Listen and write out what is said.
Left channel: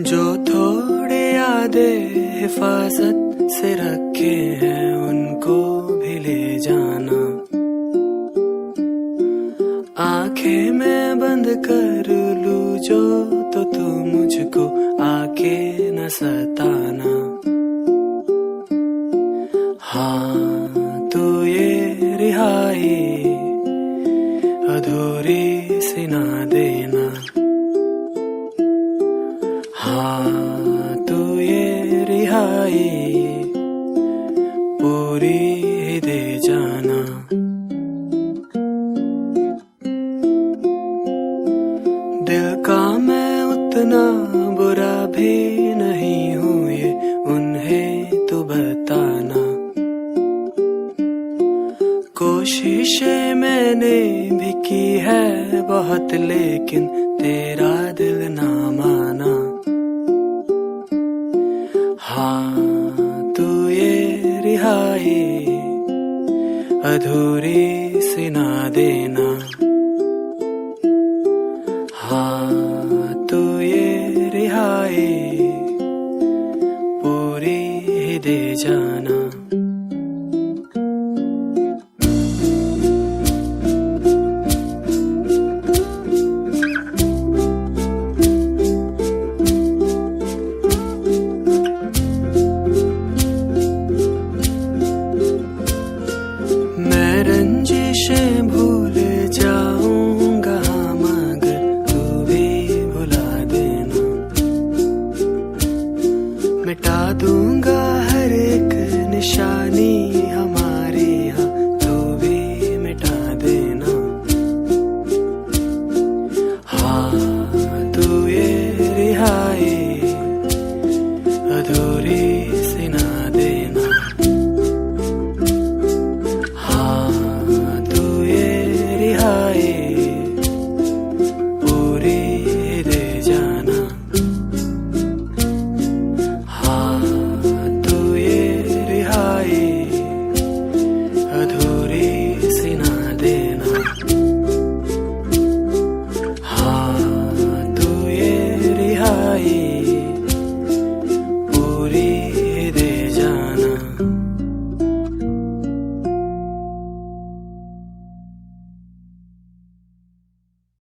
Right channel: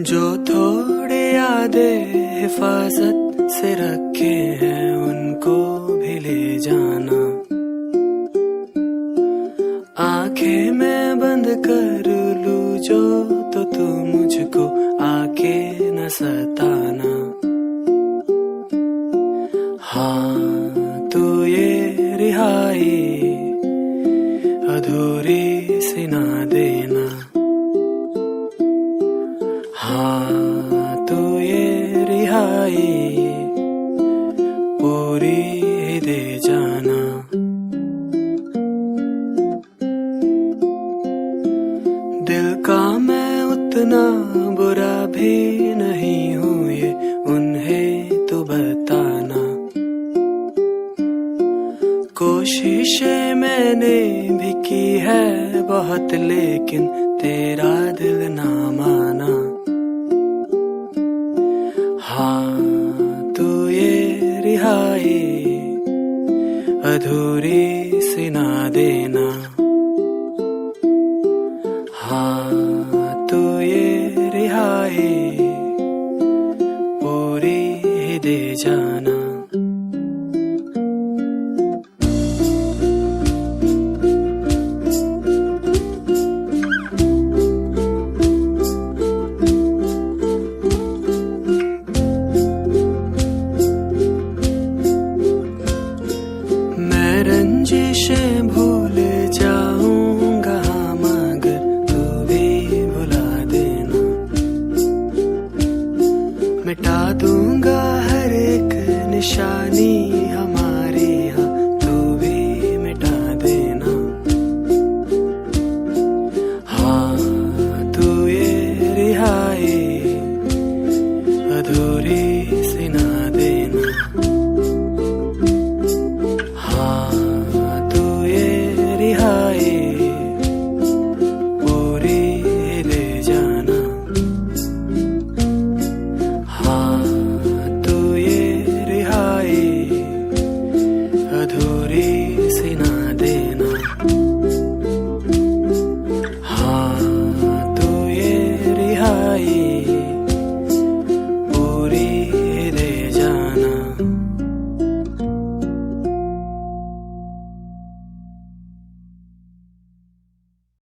जो थोड़े यादें हिफाजत से रखे हैं उनको भी ले जाना। आंखें मैं बंद कर लूं जो तो तू मुझको आके न सताना। हाँ तू ये रिहाई अधूरी सी ना देना। हाँ तू ये रिहाई पूरी ही दे जाना। दिल का मैं उतना बुरा भी नहीं हूँ ये उन्हें तो बताना। कोशिशें मैंने भी की है बहुत लेकिन तेरा दिल ना माना। हाँ तू ये रिहाई अधूरी सी ना देना। हाँ तू ये रिहाई पूरी ही दे जाना। मैं रंजिशें भूल जाऊंगा मगर तू भी भुला देना। मिटा दूंगा हर एक निशानी हमारी, हाँ तू भी मिटा देना। हाँ तू ये रिहाई अधूरी सी ना देना। हाँ तू ये रिहाई